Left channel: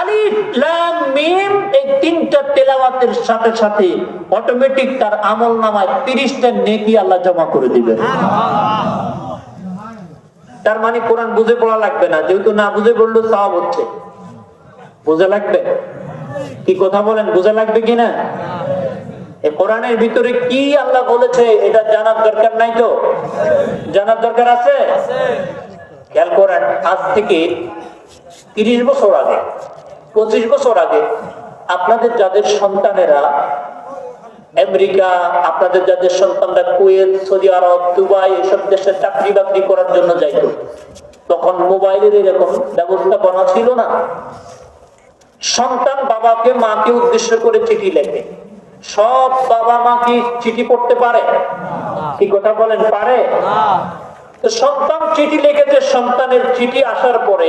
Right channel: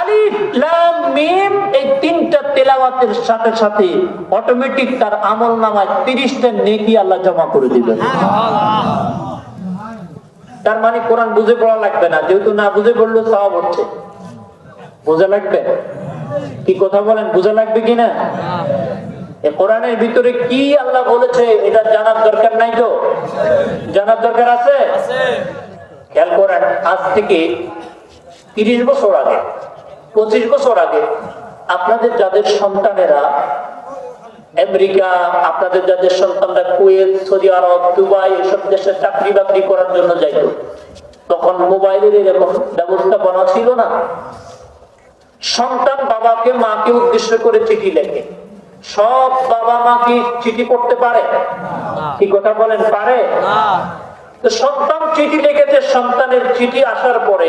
আলিফ, লাম, মিম এই তিনটা তেলাওয়াতের সাথে সাথে অটোমেটিক তার নেকি আল্লাহ জমা করে দিবেন। তার মানে কোরআন বুঝে পড়া লাগবে না, যেহেতু না বুঝে পড়ল সব হচ্ছে। বোঝা লাগবে? কি কথা বলেন, বোঝা লাগবে কিনা কোরআনের ভিতরে কি আল্লাহ বলেছে, এটা জানার দরকার নাই তো? জানার দরকার আছে? খেয়াল করেন, আজ থেকে তিরিশ বছর আগে, পঁচিশ বছর আগে আপনাদের যাদের সন্তানেরা আমেরিকা, আপনাদের যাদের সন্তানরা কুয়েত, সৌদি আরব, দুবাই এসব দেশে চাকরি বাকরি করার জন্য যাইত, তখন মোবাইলের এরকম ব্যবস্থাপনা ছিল না। সন্তান বাবাকে, মাকে উদ্দেশ্য করে চিঠি লেখে। সব বাবা মা কি চিঠি পড়তে পারে? কি কথা বলেন, পারে? সন্তান চিঠি লিখেছে, সন্তানের চিঠি আসার পরে,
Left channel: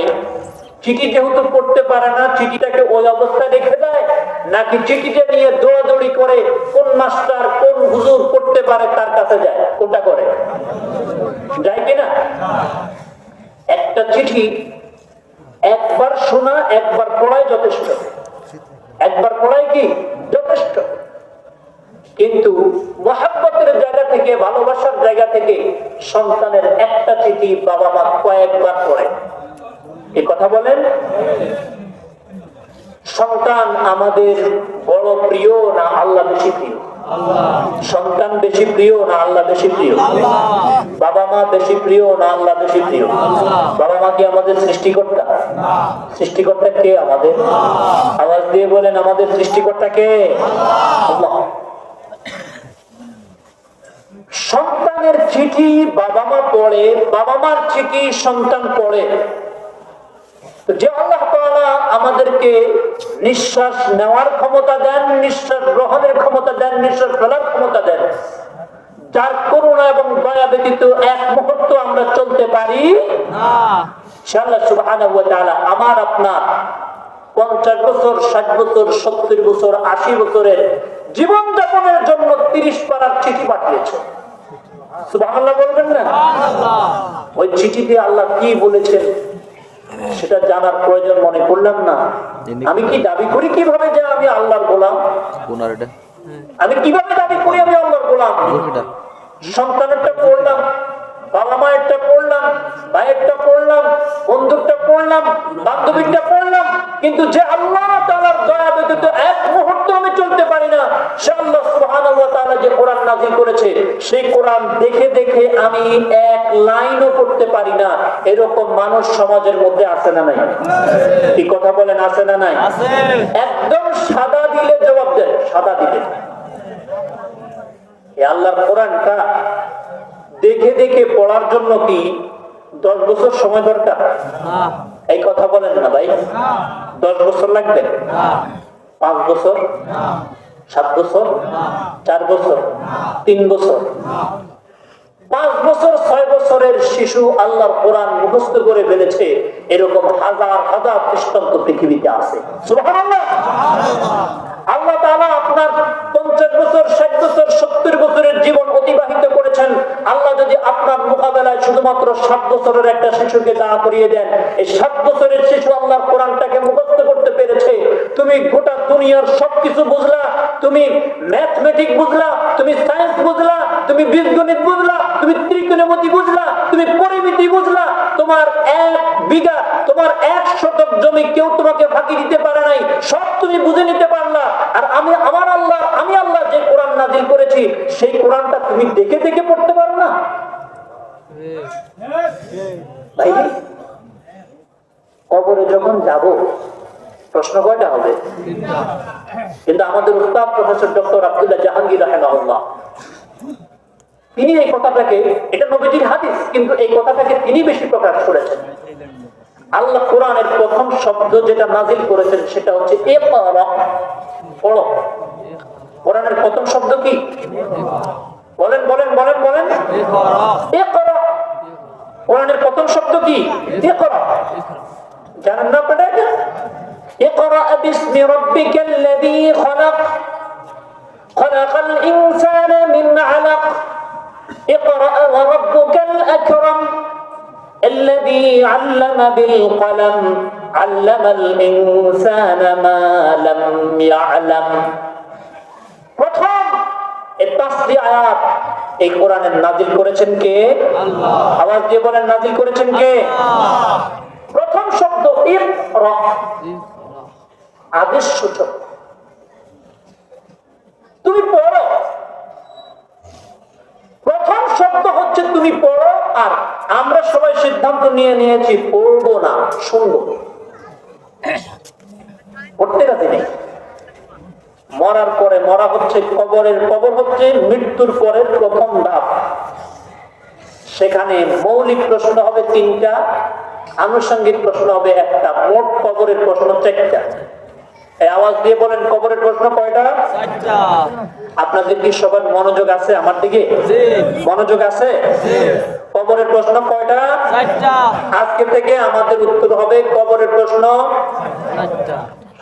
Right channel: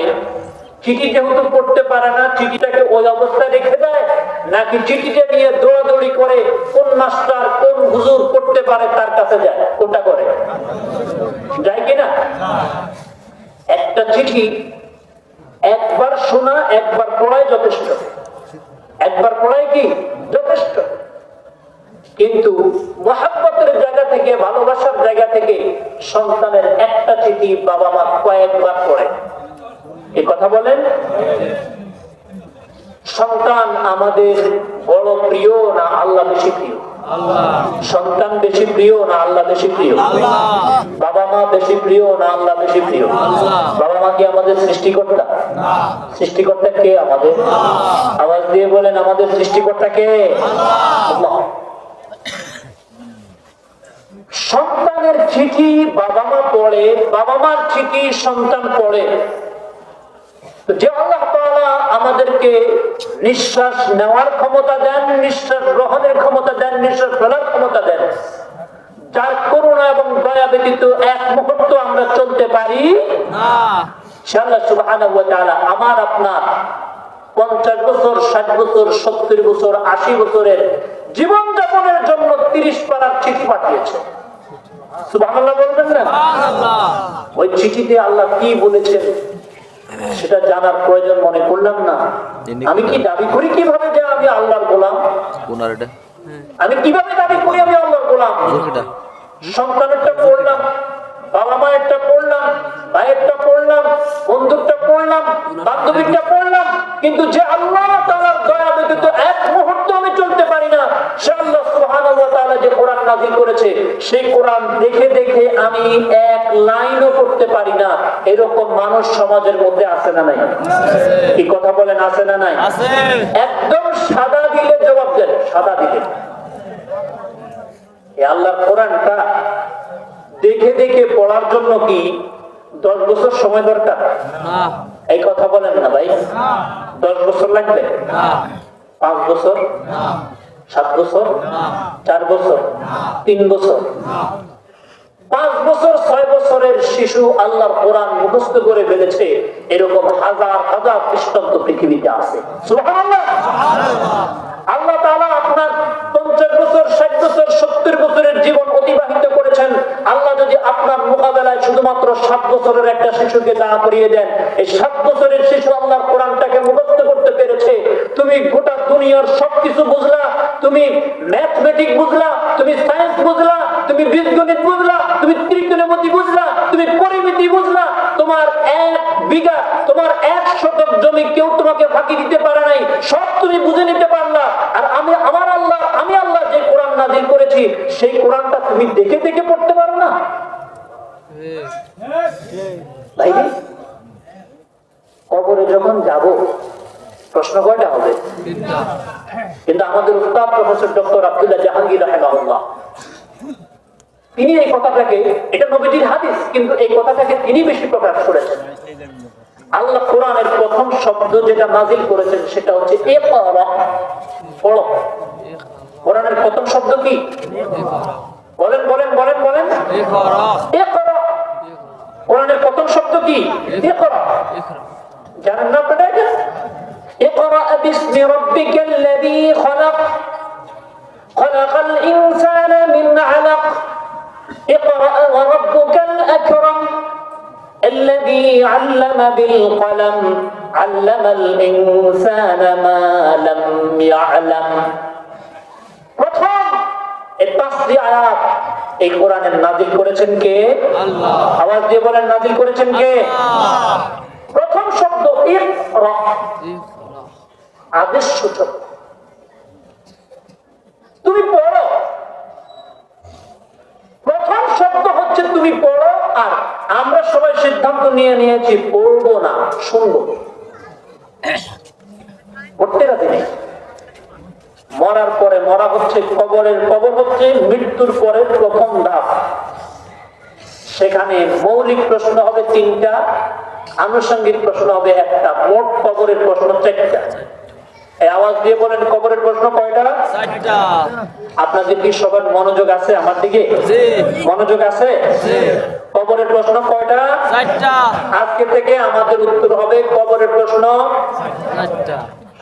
চিঠি যেহেতু পড়তে পারে না, চিঠিটাকে ওই অবস্থায় রেখে দেয়, নাকি চিঠিটা নিয়ে দৌড়াদৌড়ি করে কোন মাস্টার, কোন হুজুর পড়তে পারে তার কাছে যায়, কোনটা করে? যায় কিনা একটা চিঠি একবার শোনা, একবার পড়াই যথেষ্ট। একবার পড়াই কি? যথেষ্ট। কিন্তু জায়গা থেকে, ভালোবাসার জায়গা থেকে সন্তানের একটা চিঠি বাবা মা কয়েকবার পড়ে। এ কথা বলেন, সন্তান আমাদের বড় প্রিয় না আল্লাহ বেশি প্রিয়? সন্তান বেশি প্রিয় না আল্লাহ বেশি প্রিয়? বাবা মা বেশি প্রিয় না আল্লাহ বেশি প্রিয়? বাবা মা কি আমাদের সৃষ্টিকর্তা? সৃষ্টিকর্তা কে আমাদের? আওয়াজ দিয়ে বলেন, আমাদের সৃষ্টিকর্তা কে? আল্লাহ। সন্তানের চিঠি বাবা মা পড়ে বাবা মার চিঠি সন্তান পড়ে। যে আল্লাহ আমাদেরকে নিঃশ্বাস নেওয়ার ক্ষমতা দেন, নিঃশ্বাস গ্রহণের ক্ষমতা দেন, নিঃশ্বাস ফেলার ক্ষমতা দেন। যার করুণা এবং দয়া ব্যতীত এক মুহূর্ত আমরা চলতে পারি আমার আপনার পঞ্চাশ বছর, ষাট বছর, সত্তর বছর, আশি বছরের জীবন যাপনের জন্য তিরিশ পারার চিঠি পাঠিয়েছে সুবহানাল্লাহ বলবেন না? ওই চিঠিতে আল্লাহ কি বলেছেন সেটা জানার প্রয়োজন মনে করলাম না। আমি কি দাবি করি কীভাবে যে আমি আল্লাহর গোলাম? আমি কীভাবে দাবি করি আমি আল্লাহর গোলাম? সন্তানেরটা পড়লাম বাবা মায়েরটা পড়লাম ভাইয়েরটা পড়লাম বন্ধুরটা পড়লাম বান্ধবীরটা পড়লাম কিন্তু যে আল্লাহ তাআলার দয়া ব্যতীত এক মুহূর্ত আমি চলতে পারি না সে আল্লাহ সুবহানাহু ওয়া তাআলা যে কোরআন নাযিল করেছে সেই কোরআন দেখে দেখে আমি এক লাইনও পড়তে পারি না। এরকম মানুষ সমাজের মধ্যে আছে না নাই? কি কথা বলেন আছে না নাই? একদম সাদা দিলে জবাব দেন সাদা দিলে। এ আল্লাহর কোরআনটা দেখে দেখে পড়ার জন্য কি দশ বছর সময় দরকার? এই কথা বলেন না ভাই। দশ বছর লাগবে? পাঁচ বছর? সাত বছর? চার বছর? তিন বছর? জীবন অতিবাহিত করেছেন। আল্লাহ যদি আপনার মোকাবেলায় শুধুমাত্র সাত বছরের একটা শিশুকে দাঁড়া করিয়ে দেন, এই সাত বছরের শিশু আল্লাহ কোরআনটাকে মুখস্থ করতে পেরেছে। তুমি গোটা দুনিয়ার সবকিছু বুঝলা, তুমি ম্যাথমেটিক বুঝলা, তুমি সায়েন্স বুঝলা তুমি বীজগণিত বুঝলা তুমি ত্রিকোণমিতি বুঝলা তুমি পরিমিতি বুঝলা তোমার এক বিঘা তোমার এক শতক জমি কেউ তোমাকে ফাঁকি দিতে পারে নাই সব তুমি বুঝে নিতে পারলা আর আমি আমার আল্লাহ আমি আল্লাহ যে কোরআন নাজিল করেছি সেই কোরআনটা তুমি দেখে দেখে পড়তে পারো না কবরে যখন যাব, প্রশ্ন কয়টা হবে? কিন্তু আমাদের মুস্তাদ প্রফেসর ডক্টর আব্দুল্লাহ জাহাঙ্গীর রাহেমাহুল্লাহ, তিনি এই কথাটাকে, এটা নবীজির হাদিস, কিন্তু এই কথাটাকে তিনি বেশি প্রকাশ করেছেন। আল্লাহ কোরআনের প্রথম শব্দ যেটা নাজিল করেছেন, সেটা হচ্ছে এ পড়ো। কোরআনের প্রথম শব্দ কি? বলেন বলেন বলেন। ربي. اقرأ. jangan apa saja اقرأ باسم ربك الذي خلق. خلق الإنسان من علق. اقرأ وربك الأكرم. الذي علم بالقلم. علم الإنسان ما لم يعلم. وطفال التصديع এই কোরআনের নাজিল করেছেন কে? আওয়াজ দিয়ে বলেন নাজিল করেছেন কে? প্রথম শব্দ আদেশ সূচক। তুমি পড়ো। প্রথম শব্দ হচ্ছে তুমি পড়ো আর আমরা সবাই সিদ্ধান্ত নিয়ে নিয়েছি পড়ব না শুনব। পড়তে রাজি নেই। মরার পরে মরা হচ্ছে কবরের কবর হচ্ছে মৃত্যুর পরের প্রথম ধাপ সেখানে মৌলিক প্রশ্ন হবে তিনটা আনুষঙ্গিক প্রশ্ন হবে একটা মোট কবরের প্রশ্ন চারটা। আওয়াজ দিয়ে বলেন কবরের প্রশ্ন কয়টা? আপনাদের কি সবার মনোযোগ আছে আমার দিকে? মনোযোগ আছে? কবরের প্রশ্ন কয়টা? আজকে থেকে আমাদের উত্তর হবে কবরের প্রশ্ন।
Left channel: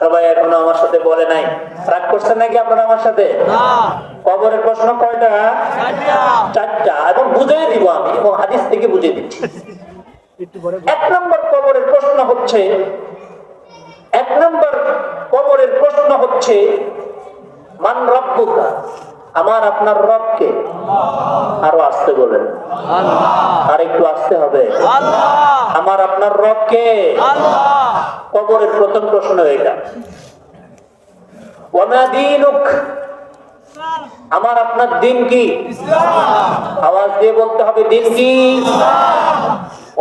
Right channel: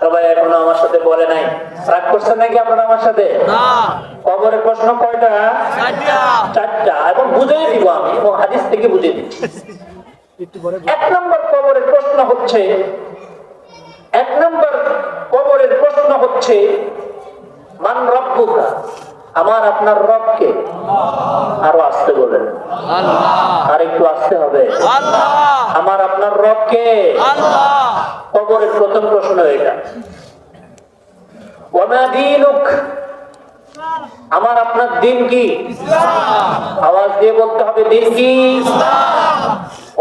সবাই এখনও আমার সাথে বলে নাই। রাগ করছেন নাকি আপনারা আমার সাথে? কবরের প্রশ্ন কয়টা? চারটা। এবং বুঝিয়ে দিব আমি হাদিস থেকে বুঝিয়ে দিচ্ছি। এক নম্বর কবরের প্রশ্ন হচ্ছে এক নম্বর কবরের প্রশ্ন হচ্ছে মান রব্বুকা? আমার আপনার রবকে আরও আসতে বলেন। আর একটু আসতে হবে। আমার আপনার রবকে? কবরের প্রথম প্রশ্ন এটা। আমার আপনার দিন কি? আওয়াজ দিয়ে বলতে হবে দিন কি?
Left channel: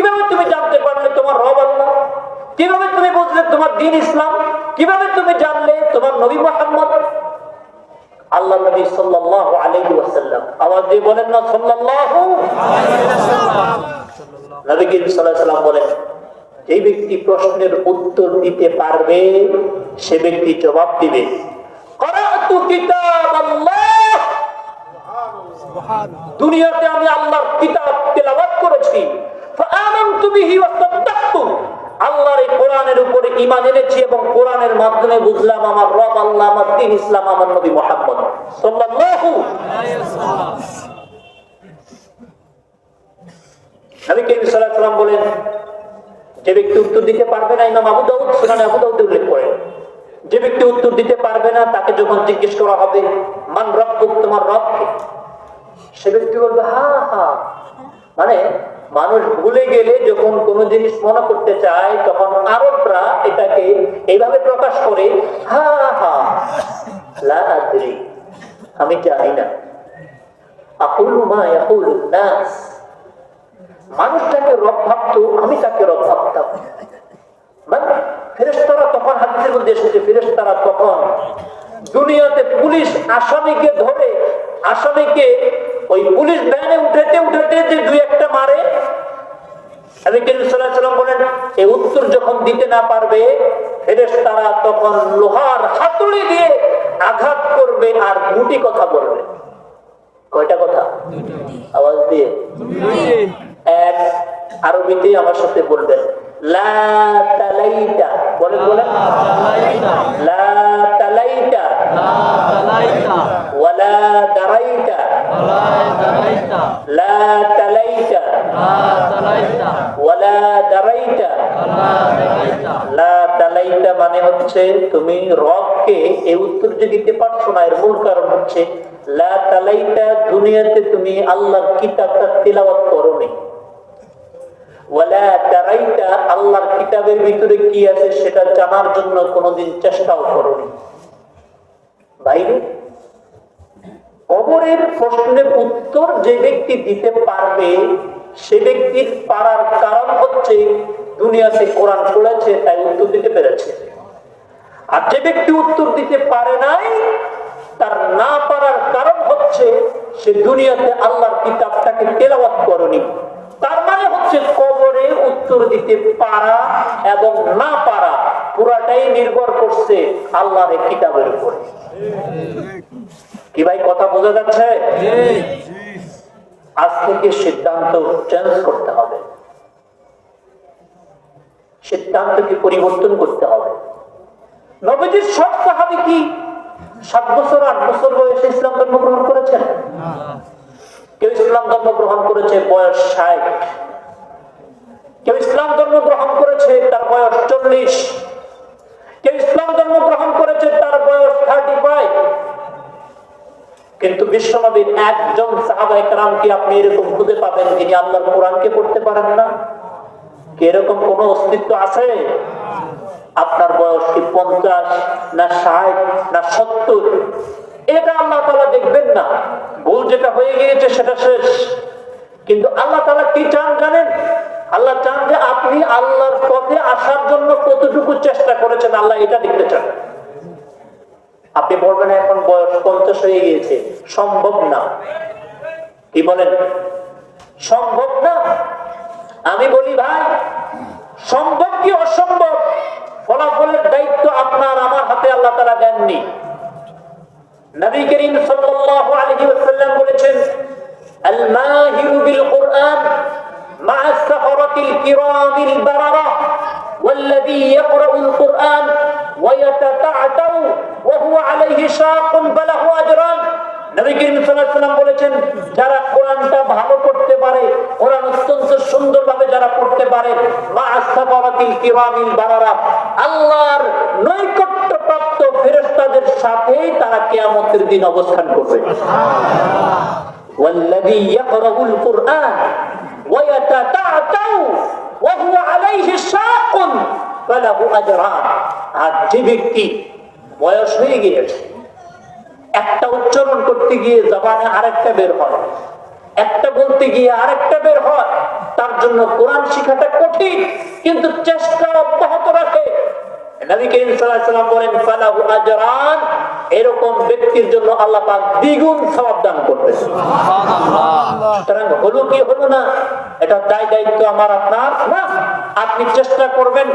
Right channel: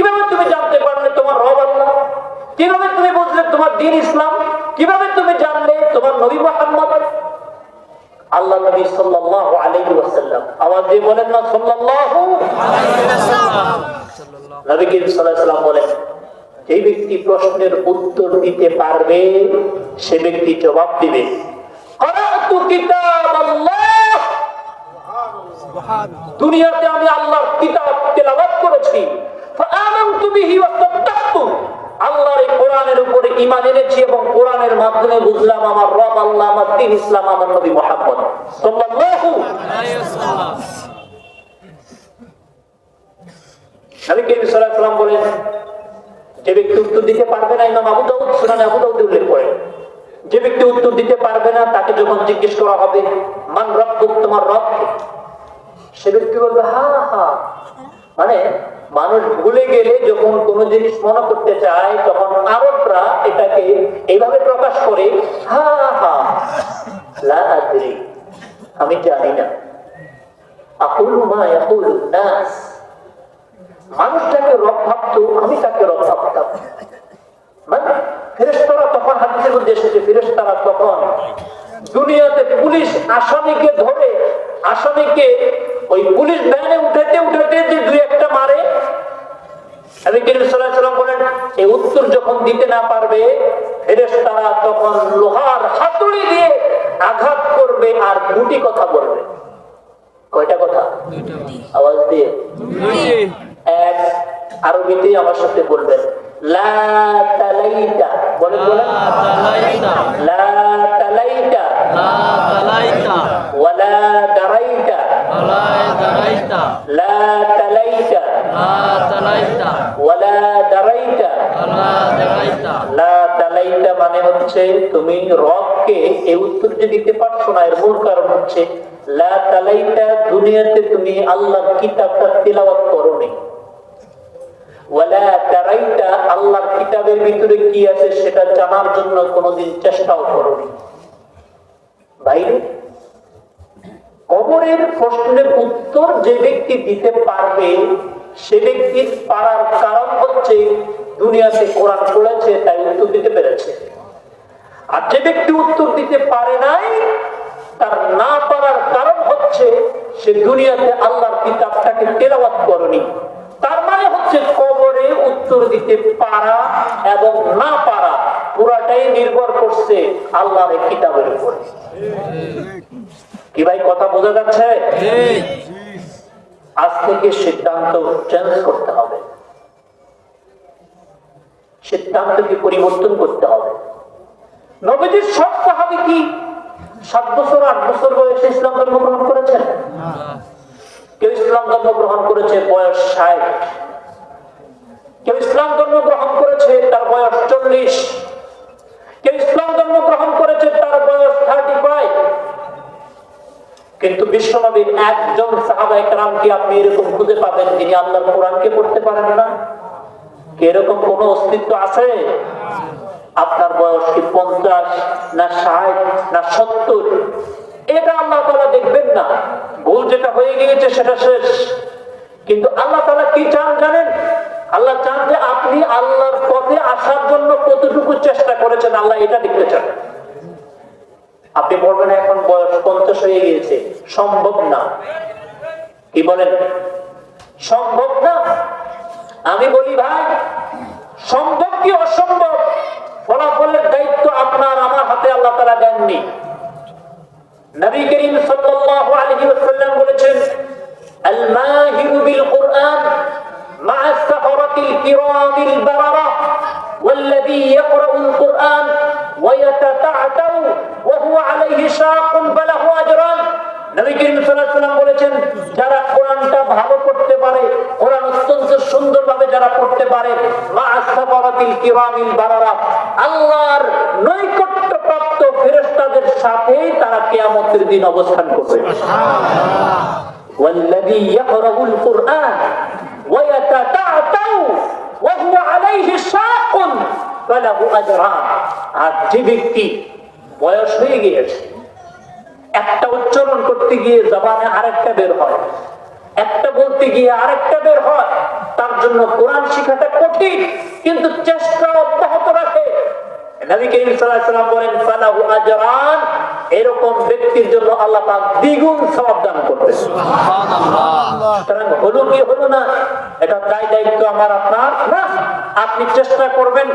ইমাম তুমি বললে, তোমার দিন ইসলাম কীভাবে তুমি জানলে তোমার নবী মোহাম্মদ? আল্লাহ নবী সাল্লাল্লাহু আলাইহি ওয়াসাল্লাম আওয়াজ দিয়ে বলেন না, সাল্লাল্লাহু নবী করিম বলেন যে ব্যক্তি প্রশ্নের উত্তর দিতে পারবে সে ব্যক্তি জবাব দিবে। দুনিয়াতে আমি আল্লাহর কিতাব করেছি। আল্লাহর এই কোরআনের উপরে ঈমান এনেছি এবং কোরআনের মাধ্যমে বুঝলাম আমার রব আল্লাহ আমার দ্বীন ইসলাম আমার নবী মুহাম্মদ সাল্লাল্লাহু যে ব্যক্তি উত্তর দিতে পারবে না তাকে যখন জিজ্ঞেস করা হবে, মান রব্বুক তোমার রব কে সে ব্যক্তি বলবে, হা হা। মানে মানুষ ভুলে গেলে যখন কোন জিনিস মনে করতে চায়, তখন আরবরা এটাকে এইভাবে প্রকাশ করে, হা হা। আমি জানি না। আকুলু মা ইয়াকুলুন মানুষটাকে রব ভাবতো, আমি তাকে রব ভাবতাম। মানে ফেরেস্তারা তখন হাদিসের মধ্যে এসেছে ফেরেস্তারা তখন দুনিয়াতে পুলিশ আসামিকে ধরে, আসামিকে ওই পুলিশ ব্যানে উঠাতে উঠাতে যে দুই একটা মারে বলেন এই উত্তর যখন দিতে না পারবে, ফেরেশতারা তখন লোহার হাতুড়ি দিয়ে আঘাত করবে আর দুটি কথা বলবে। কয়টা কথা? আওয়াজ দিয়ে। এক আরবিতে আমার সাথে লা মানে হচ্ছে তুমি রবকে এই উত্তর যে দিতে পারছ না, এর মূল কারণ হচ্ছে, লা তালাইতা দুনিয়াতে তুমি আল্লাহর কিতাবটা তিলাওয়াত করোনি। ওয়ালা কিতাবের ভিতরে কি আছে সেটা জানার জন্য কোনোদিন চেষ্টাও করনি। বাইরে কবরের প্রশ্নের উত্তর যে ব্যক্তি দিতে পারবে, সে ব্যক্তির পারার কারণ হচ্ছে দুনিয়াতে কোরআন পড়েছে তাই উত্তর দিতে পেরেছে। আর যে ব্যক্তি উত্তর দিতে পারে নাই, তার না পারার কারণ হচ্ছে সে দুনিয়াতে আল্লাহর কিতাবটাকে তেলাবাদ করনি। তার মানে হচ্ছে কবরে উত্তর দিতে পারা এবং না পারা, পুরাটাই নির্ভর করছে আল্লাহর কিতাবের উপরে। কি ভাই, কথা বোঝা যাচ্ছে? আজ থেকে সিদ্ধান্ত চেঞ্জ করতে হবে। সিদ্ধান্তকে পরিবর্তন করতে হবে। নবীজির সব সাহাবি কি সাত বছর, আট বছর বয়সে ইসলাম ধর্ম গ্রহণ করেছেন? কেউ ইসলাম ধর্ম গ্রহণ করেছে, বয়স ষাট। কেউ ইসলাম ধর্ম গ্রহণ করেছে, তার বয়স চল্লিশ। কেউ ইসলাম ধর্ম গ্রহণ করেছে, তার বয়স থার্টি ফাইভ কিন্তু বিশ্বনবীর একজন সাহাবা একরামকে আপনি এরকম খুঁজে পাবেন যিনি আল্লাহর কোরআনকে পড়তে পারেন না। এরকম কোন অস্তিত্ব আছে? আপনার বয়স কি পঞ্চাশ না ষাট না সত্তর? এটা আল্লাহ তালা দেখবেন না। ভুল যেটা হয়ে গিয়েছে সেটা শেষ। কিন্তু আল্লাহ তালা কি চান জানেন? আল্লাহ চান যে আপনি আল্লাহর পথে আসার জন্য কতটুকু চেষ্টা করেছেন আল্লাহ এটা দেখতে চান। আপনি বলবেন, এখন বয়স পঞ্চাশ হয়ে গিয়েছে। সম্ভব না। কি বলেন? সম্ভব না? আমি বলি, ভাই, সম্ভব কি অসম্ভব? ফলাফলের দায়িত্ব আপনার, আমার হাতে আল্লাহ তারা দেননি। নবী করিম সাল্লাল্লাহু আলাইহি ওয়াসাল্লাম বলেছেন আল মাহিরু বিল কুরআন মা সাফরাতিল কিরামিল বারারা والذي يقرأ القرآن ويتتعتع وهو عليه شاق فله أجران নবী করিম সাল্লাল্লাহু আলাইহি ওয়াসাল্লাম বলেছেন যারা কোরআনটা ভালো পড়তে পারে কোরআন অত্যন্ত সুন্দরভাবে যারা পড়তে পারে মা আসফারাতিল কিরামিল বারারা আল্লাহর নৈকট্য প্রাপ্ত ফেরেশতাদের সাথে তারা কিয়ামতের দিন অবস্থান করবে والذي يقرأ القرآن ويتتعتع وهو عليه شاق فله أجران আর যে ব্যক্তি বয়স হয়ে গিয়েছে একটা উচ্চারণ করতে গিয়ে জবানে আরেকটা বের হয়। একটা বলতে গিয়ে আরেকটা বের হয়। তার জন্য কোরআন শিখাটা কঠিন কিন্তু চেষ্টা অব্যাহত রাখে। নবী করিম সাল্লাল্লাহু বলেন ফালাহু আজরান। এরকম ব্যক্তির জন্য আল্লাহ পাক দ্বিগুণ সওয়াব দান করবে হলো কি হলো না এটা দায় দায়িত্ব আমার আপনার। আপনি চেষ্টা করবেন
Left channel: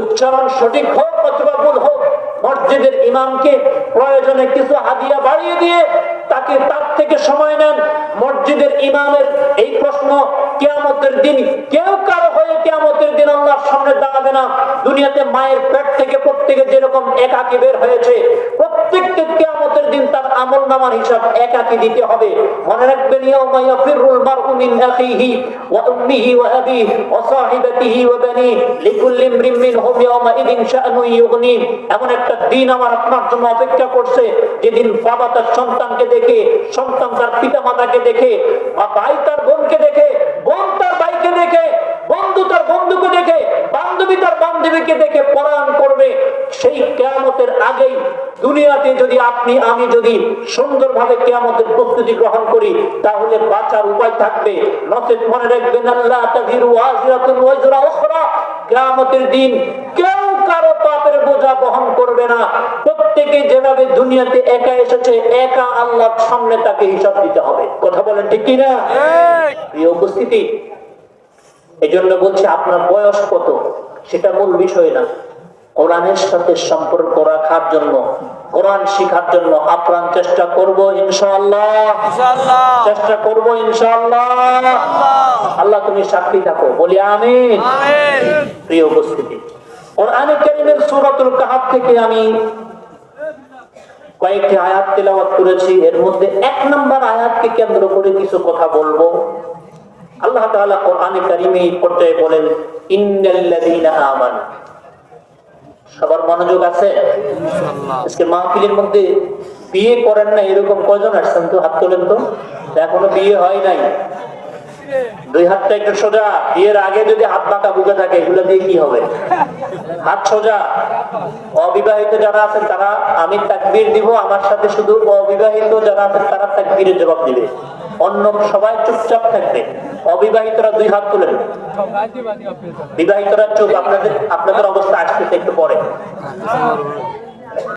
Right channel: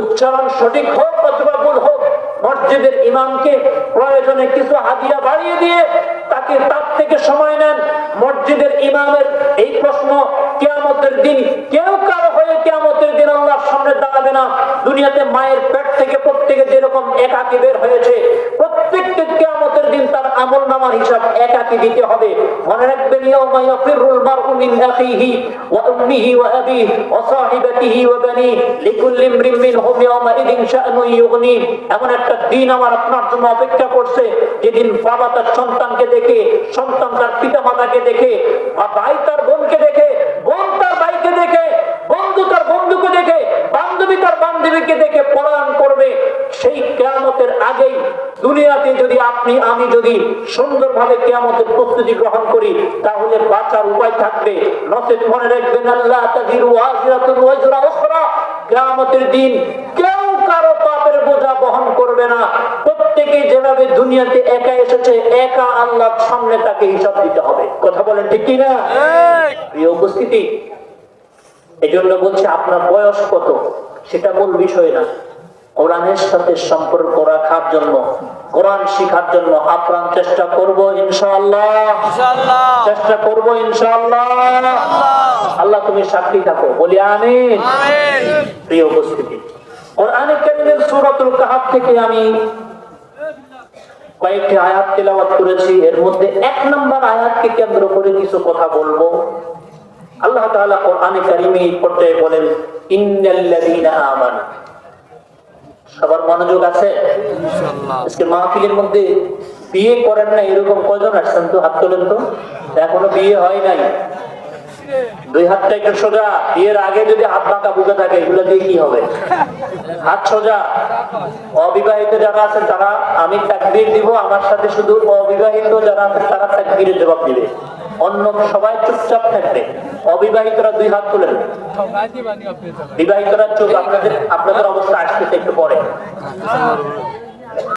উচ্চারণ সঠিক হোক অথবা ভুল হোক মসজিদের ইমামকে প্রয়োজনে কিছু হাদিয়া বাড়িয়ে দিয়ে তাকে তার থেকে সময় নেন। মসজিদের ইমামের এই প্রশ্ন কেয়ামতের দিন, কেউ কারও হয়ে কেয়ামতের দিন আল্লাহর সামনে দাঁড়াবে না। দুনিয়াতে মায়ের পেট থেকে প্রত্যেকে যেরকম একাকি বের হয়েছে, প্রত্যেককে কেয়ামতের দিন তার আমল নামার হিসাব একাকি দিতে হবে। মনে রাখবেন, ইয়াউমা আখিহি ওয়া উম্মিহি ওয়া আবিহি ওয়া সাহিবাতিহি ওয়া মিনহুম ইয়াউমাইদিন শাআনুন ইউগনি। এমন একটা দিন আমার আপনার জন্য অপেক্ষা করছে, যেদিন বাবা তার সন্তানকে দেখে, সন্তান তার পিতা মাতাকে দেখে, বা ভাই তার বোনকে দেখে বোন তার ভাইকে দেখে বন্ধু তার বন্ধুকে দেখে, বান্ধবী তার বান্ধবীকে দেখে পরায়ণ করবে। সেই কেয়ামতের আগেই দুনিয়াতে যদি আপনি, আমি যদি কেয়ামতের গ্রহণ করি, তাহলে উপায় থাকবে। কিয়ামতের দিন কেউ কারও পাপের বোঝা বহন করবে না। প্রত্যেকে যেভাবে দুনিয়াতে একা এসেছে একা আল্লাহর সামনে তাকে হিসাব দিতে হবে। কথা বলেন ঠিক কিনা? প্রিয় উপস্থিতি এই জন্য বলছি আপনার বয়স কত? সেটা মূল বিষয় না। কোরআনের সাথে সম্পর্ক রাখার জন্য কোরআন শিখার জন্য আপ্রাণ চেষ্টা করব ইনশাআল্লাহ। ইনশাআল্লাহ। চেষ্টা করব ইনশাআল্লাহ। আল্লাহ তুমি সাক্ষী থাকো। বলি আমিন। আমিন। প্রিয় উপস্থিতি কোরআনে কারীমের সূরাতুল কাহাফ থেকে আমি কয়েকটি আয়াত তেলাওয়াত করেছি। এর মধ্যে এক নম্বর আয়াতকে কেন্দ্র করে কিছু কথা বলব। আল্লাহ তাআলা কোরআনে কারীমে এই পর্যায়ে বলেন ইন্নাল্লাযীনা আমানু। সবার মনোযোগ আছে? আজকে মাহফিলের মধ্যে বিয়ে করেন না এরকম কজন আসছেন তো? হাত তোলেন তো। এখনও বিয়ে হয় নাই। দুই হাতটা একটু সোজা বিয়ের আগে যদি হাত বাঁকা বুকে থাকে এগুলো দিয়ে কি হবে? হাত সোজা। অবিবাহিত যারা আছে তারা আমি তাকবির দিব, আমার সাথে শুধু অবিবাহিত যারা আছে তারা তাকবিরের জবাব দিবে। অন্য সবাই চুপচাপ থাকবে। অবিবাহিতরা দুই হাত তুলেন বিবাহিতরা চুপ, আপনাদের আপনাদের অবস্থা আসতেছে একটু পরে।